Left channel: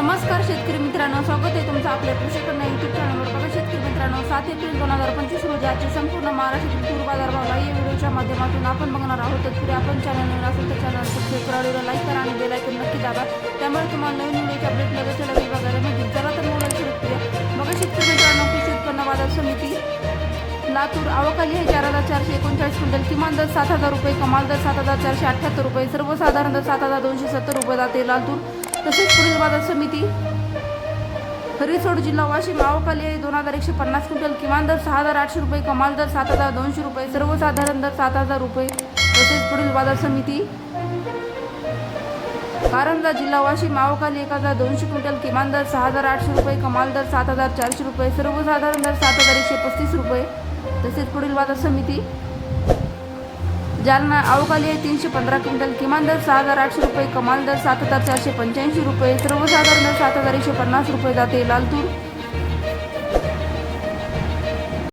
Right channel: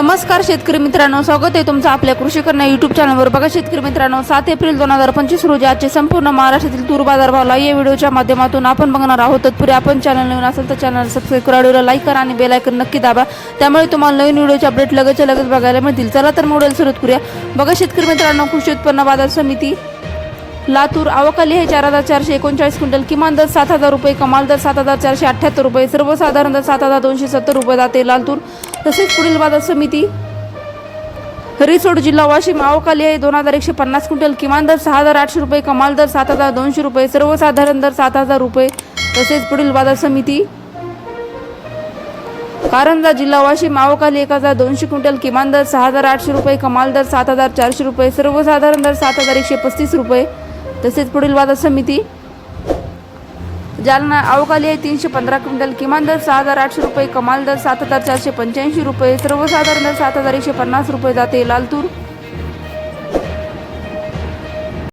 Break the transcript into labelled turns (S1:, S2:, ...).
S1: नमस्कार शेतकरी मित्रांनो स्वागत आहे तुमचं आपल्या कृषी करणं युट्यूब चॅनलवर बघा शेतकरी मित्रांनो सात एप्रिल दोन हजार पंचवीस रोजी आजचे संपूर्ण महाराष्ट्रातील तूर बाजार भावला. या व्हिडिओच्या माध्यमातून आपण बघणार आहोत तत्पूर्वी आपण चॅनल नवीन असेल तर चॅनल सबस्क्राईब करा व्हिडिओला लाईक करा आणि बेल आयकन नक्की दाबा. त्यामुळे तुम्हाला नवीन व्हिडिओचे अपडेट लगेच लगेच बघायला मिळतील. चला तर मोडेल सुरुवात करूया. बघा शेतकरी मित्रांनो कृषी उत्पन्न बाजार समिती लातूर आवकाली हे चार हजार चारशे एकोणचाळीस क्विंटल किमान दर सात हजार रुपये कमाल दर सात हजार चारशे अठ्ठ्याहत्तर रुपये सर्वसाधारण दर सात हजार दोनशे सत्तर रुपये जाते लातूर. तसेच पुढील बाजार समिती हरिसोड जिल्हा वाशिम आवकाली आहे. दोन हजार एकशे पन्नास क्विंटल किमान दर सहा हजार आठशे रुपये कमाल दर सात हजार दोनशे रुपये सर्वसाधारण दर सात हजार रुपये. तसेच पुढील बाजार समिती कारंजा जिल्हा वाशिम आवकाली एक हजार दोनशे क्विंटल किमान दर सहा हजार आठशे रुपये कमाल दर सात हजार चारशे रुपये सर्वसाधारण दर सात हजार एकशे पस्तीस रुपये. तसेच पुढील बाजार समिती जालना अवकाली आहे तीनशे पंधरा क्विंटल किमान दर सहा हजार आठशे रुपये कमाल दर सात हजार चारशे पंच्याऐंशी रुपये सर्वसाधारण दर सात हजार एकशे पन्नास रुपये जाते लालतूर.